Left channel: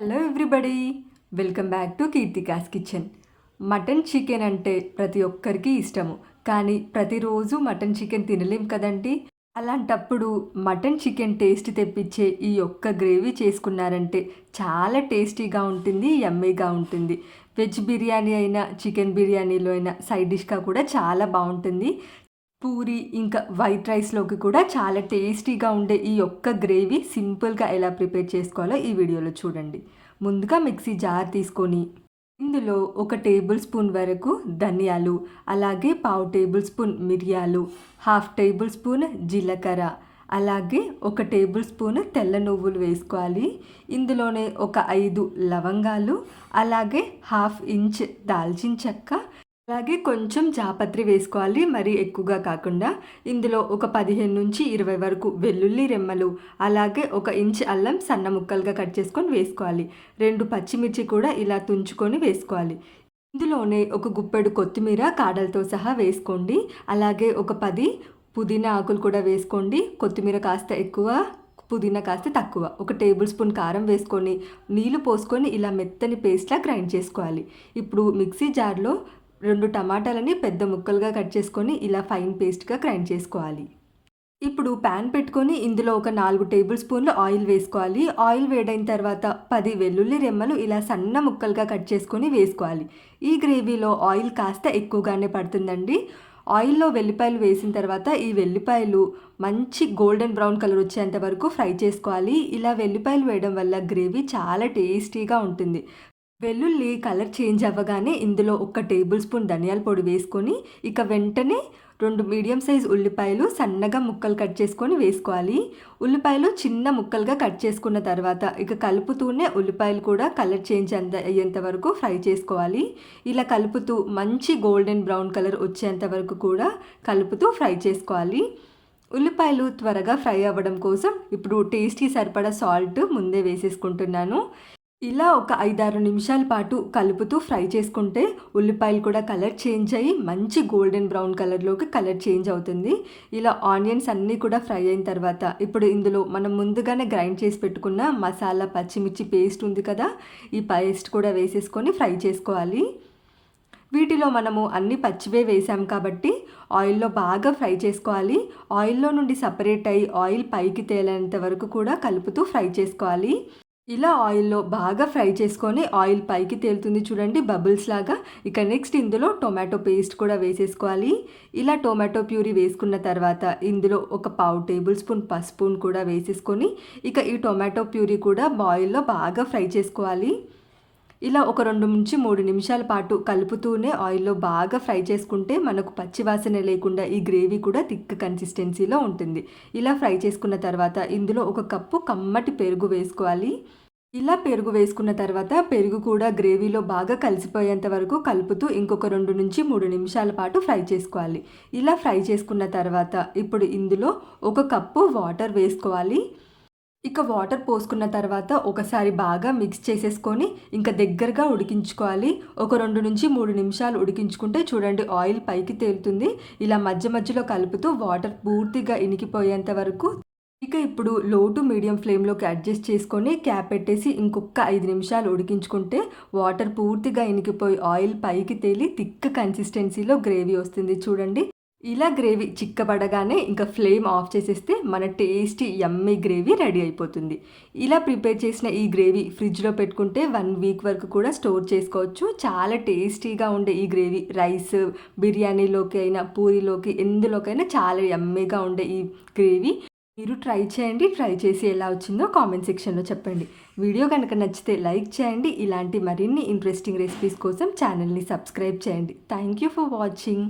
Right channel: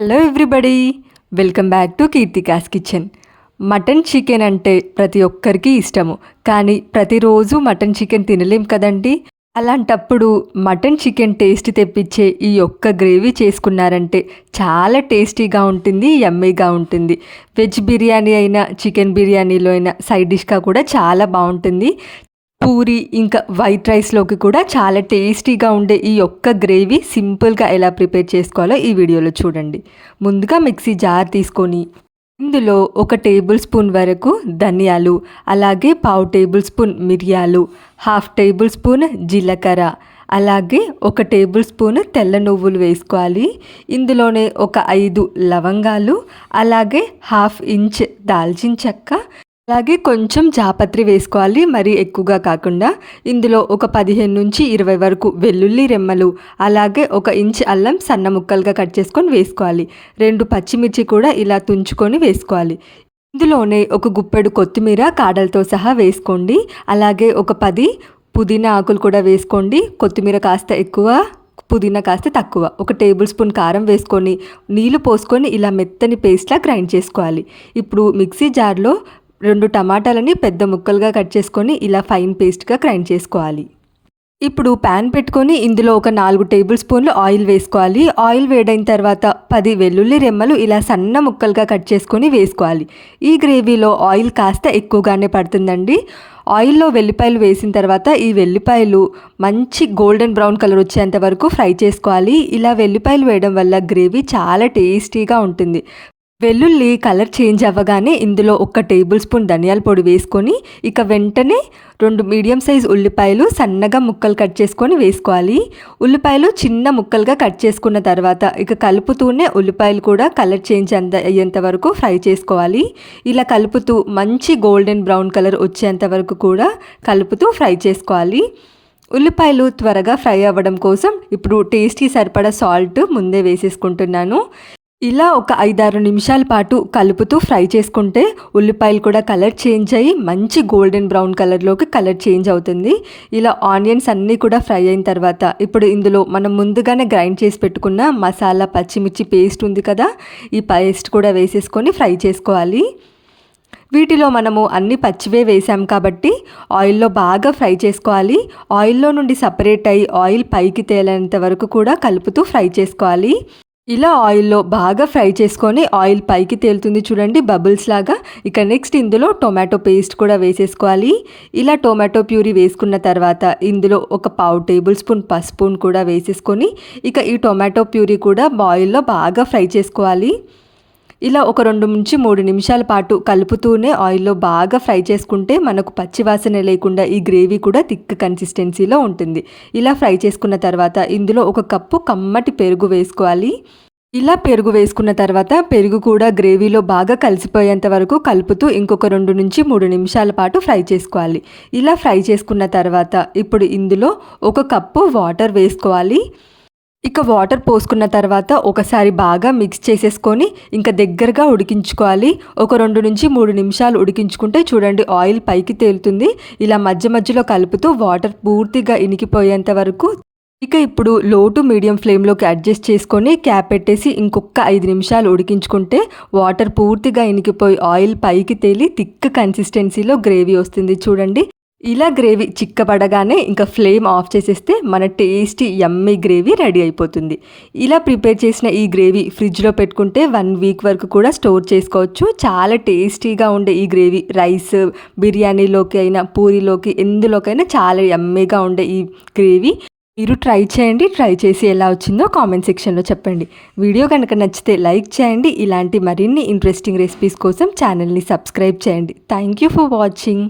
Hello everybody, welcome back to Keerthika's kitchen. Mutton chicken అంటే ప్రతి ఒక్కరికి ఇష్టము, కానీ ప్రతిరోజు మటన్ చికెన్ తినలేం కదండి. అలాంటప్పుడు మటన్ చికెన్ టేస్ట్ తెప్పించే ఈ ఒక్క గ్రేవీ చేసుకున్నారంటే చాలా టేస్టీగా ఉంటుంది, యమ్మీగా ఉంటుంది. వెజ్ బిర్యానీ అయినా చికెన్ బిర్యానీలో అయినా సైడ్ డిష్గా కూడా చాలా బాగుంటుంది. పూరి ఇంకా వైట్ రైస్లోకి కూడా చాలా టేస్టీగా ఉండే ఈ ఒక్క గ్రేవీ సింపుల్గా ఎలా ప్రిపేర్ చేసుకోవాలో ఈ వీడియోలో చూడండి. ముందుగా మిక్సీ జార్ తీసుకొని ఇందులో 1 టేబుల్ స్పూన్ వరకు ధనియాలు, అలాగే పావు టేబుల్ స్పూన్ మిరియాలు, హాఫ్ టేబుల్ స్పూన్ జీలకర్ర, అలాగే 1 టేబుల్ స్పూన్ తెల్ల నువ్వులు వేసుకోవాలి. ఇందులోనే ఒక 5 లవంగాలు, అలాగే హాఫ్ ఇంచ్ దాల్చిన చెక్క, అలాగే కొంచెం జాపత్రి వేసుకోవాలి, మరీ ఎక్కువగా కాకుండా. ఇందులో ఒక 15 నుంచి 20 వరకు వెల్లుల్లి రెమ్మలు, అలాగే 1 ఇంచ్ అల్లం సన్న ముక్కలుగా కట్ చేసుకొని వేసుకోవాలి. 2 పచ్చిమిర్చి కూడా ఇలా తుంచుకొని వేసుకోవాలి. ఇందులోనే ఒక గుప్పెడు కొత్తిమీర కాడలతో సహా వేసుకోండి. అలాగే ఒక 10 పుదీనా ఆకులు కూడా వేసుకోండి. కొత్తిమీర కాస్త ఎక్కువ, పుదీనా కాస్త తక్కువ. 1 టేబుల్ స్పూన్ కారం వేసుకొని నీళ్లు పోసుకొని ఇలా మెత్తని పేస్ట్లా గ్రైండ్ చేసుకోవాలి. ఇప్పుడు మిక్సీ జార్లో 2 టమాటాలని పెద్ద ముక్కలుగా కట్ చేసుకొని ఇలా ఫైన్ పేస్ట్గా గ్రైండ్ చేసుకోవాలి. ఇప్పుడు ప్యాన్ పెట్టుకొని ఇందులో ఒక 4 టేబుల్ స్పూన్లు ఆయిల్ వేసుకోవాలి. ఆయిల్ వేడైన తర్వాత 10 వెల్లుల్లి రెమ్మలు ఇలా సన్న ముక్కలుగా కట్ చేసుకొని వేసుకోవాలి. ఈ గ్రేవీలో ఆయిల్ కాస్త ఎక్కువగానే పడుతుందండి. ఆయిల్లో వెల్లిపాయలు వేసిన తర్వాత ఈ వెల్లిపాయలు మంచి గోల్డెన్ బ్రౌన్ కలర్ వచ్చేంత వరకు ఫ్రై చేసుకోవాలి. ఇలా వెల్లిపాయలు వేయడం వల్ల గ్రేవీ చాలా టేస్టీగా ఉంటుంది. వెల్లుల్లి కలర్ చేంజ్ అవ్వగానే ఇందులో 1 టేబుల్ స్పూన్ ధనియాల పొడి వేసుకొని ఇక వెంటనే 2 మీడియం సైజ్ ఉల్లిపాయలు సన్నగా ముక్కలు కట్ చేసుకొని వేసుకోవాలి. ఉల్లిపాయలు చిన్న ముక్కలుగా కట్ చేసుకున్న తర్వాత ఇక కలుపుతూనే ఉల్లిపాయలు కూడా కలర్ చేంజ్ అయ్యేంత వరకు ఫ్రై చేసుకోవాలి. ఇలా కలుపుతూ మంచి గోల్డెన్ బ్రౌన్ కలర్ వచ్చేంత వరకు కూడా కలుపుతూ ఫ్రై చేసుకోవాలి. ఉల్లిపాయలు త్వరగా ఫ్రై అవ్వడం కోసం ఇప్పుడు టేస్ట్కి సరిపడా సాల్ట్ ముందే వేసేసుకుంటున్నాను. ఇలా ఒక 5-6 నిమిషాల పాటు కలుపుతూ ఫ్రై చేసుకుంటే ఉల్లిపాయలు కూడా కలర్ చేంజ్ అయ్యి మంచి గోల్డెన్ బ్రౌన్ కలర్లోకి కలర్ చేంజ్ అవుతుంది. ఇలా ఆనియన్స్ అన్నీ కూడా ఫ్రై అయిన తర్వాత ఇప్పుడు ఇందులో మనం ముందుగానే గ్రైండ్ చేసి పెట్టుకున్న మసాలా పచ్చిమిర్చి పేస్ట్ ఉంది కదా, ఈ పేస్ట్ కూడా వేసేసుకొని ఫ్రై చేసుకోవాలి. వీటిలో మనము అన్ని పచ్చివే వేసాం కాబట్టి ఆయిల్లో బాగా ఫ్రై చేసుకోవాలి. ఆయిల్లో నుండి సపరేట్ అయ్యి ఆయిల్ పైకి తేలేంత వరకు కూడా కలుపుతూ ఫ్రై చేసుకోవాలి. ఇలా ఆయిల్లో బాగా ఫ్రై చేసుకొని ఆయిల్ పైకి తేలుతుంది చూడండి, బబుల్స్ లాగా. ఇక నెక్స్ట్ ఇందులో టొమాటో పేస్ట్ కూడా వేసేసుకోవాలి. ఇలా టొమాటో ప్యూరీ వేసుకున్న తర్వాత ఇందులో ఒక పావు టేబుల్ స్పూన్ పసుపు కూడా వేసేసుకొని ఇక ఈ టొమాటో ప్యూరీ కూడా ఆయిల్లో బాగా ఫ్రై చేసుకోవాలి. ఇలా ఒక 2 నుంచి 3 నిమిషాల పాటు కలుపుతూనే ఆయిల్లో బాగా ఫ్రై చేసుకుంటే మనకు పచ్చివాసన లేకుండా ఈ గ్రేవీ కూడా థిక్ కన్సిస్టెన్సీలో ఉంటుంది. ఇలా ఫ్రై చేసుకున్న తర్వాత ఇందులో 1 కప్పు కమ్మటి పెరుగు వేసుకోవాలి. ఇలా పెరుగు వేసుకున్న తర్వాత పెరుగు కూడా గ్రేవీలో బాగా కలిసిపోయేంత వరకు కలుపుతూ ఇంకొక 2 నుంచి 3 నిమిషాల పాటు ఫ్రై చేసుకోవాలి. ఇలా ఫ్రై చేసుకున్న తర్వాత ఇప్పుడు ఇందులో 1 కప్పు వాటర్ వేసుకోవాలి. ఇక వాటర్ పోసుకున్న తర్వాత ఒకసారి బాగా మిక్స్ చేసేసుకొని ఇంకా దగ్గరగా ఉడికించుకోవాలి. ఒక 2 నుంచి 3 నిమిషాలు ఉడికించుకుంటే చూడండి ఆయిల్ పైకి తేలుతుంది. ఇలా మధ్య మధ్యలో కలుపుతూ వాటర్ పూర్తిగా ఇనికిపోయేంత వరకు ఇక ఇప్పుడు లో టు మీడియం ఫ్లేమ్లోకి అడ్జస్ట్ చేసుకొని క్యాప్ పెట్టేసి ఇంకొక 5 నిమిషాలు ఉడికించుకుంటే వాటర్ పూర్తిగా ఇనికిపోయి ఆయిల్ పైకి తేలి థిక్ కన్సిస్టెన్సీలో గ్రేవీ వస్తుంది చూడండి. ఇలా గ్రేవీ చిక్కబడగానే ఇంకా ఫ్లేమ్ ఆఫ్ చేసేస్తే మన టేస్టీ యమ్మీ గ్రేవీ రెడీ అయిపోతుంది. ఇలా ప్రిపేర్ చేసిన ఈ గ్రేవీ ఫ్రిడ్జ్లో పెట్టుకుంటే 1 వీక్ వరకు కూడా స్టోర్ చేసుకోవచ్చు. చాలా టేస్టీగా ఉండే ఈ గ్రేవీ రైస్, బిర్యానీలోకి అయినా, పూరీలోకి, ఎందులోకైనా చాలా యమ్మీగా ఉండే ఈ గ్రేవీ మీరు ట్రై చేయండి. ట్రై చేసి ఎలా వచ్చిందో కామెంట్ సెక్షన్లో చెప్పండి. వీడియో కనుక నచ్చితే లైక్ చేయండి. ఇలాంటి మరిన్ని ఇంట్రెస్టింగ్ రెసిపీస్ కోసం ఛానల్ని సబ్స్క్రైబ్ చేయండి. Thank you for watching.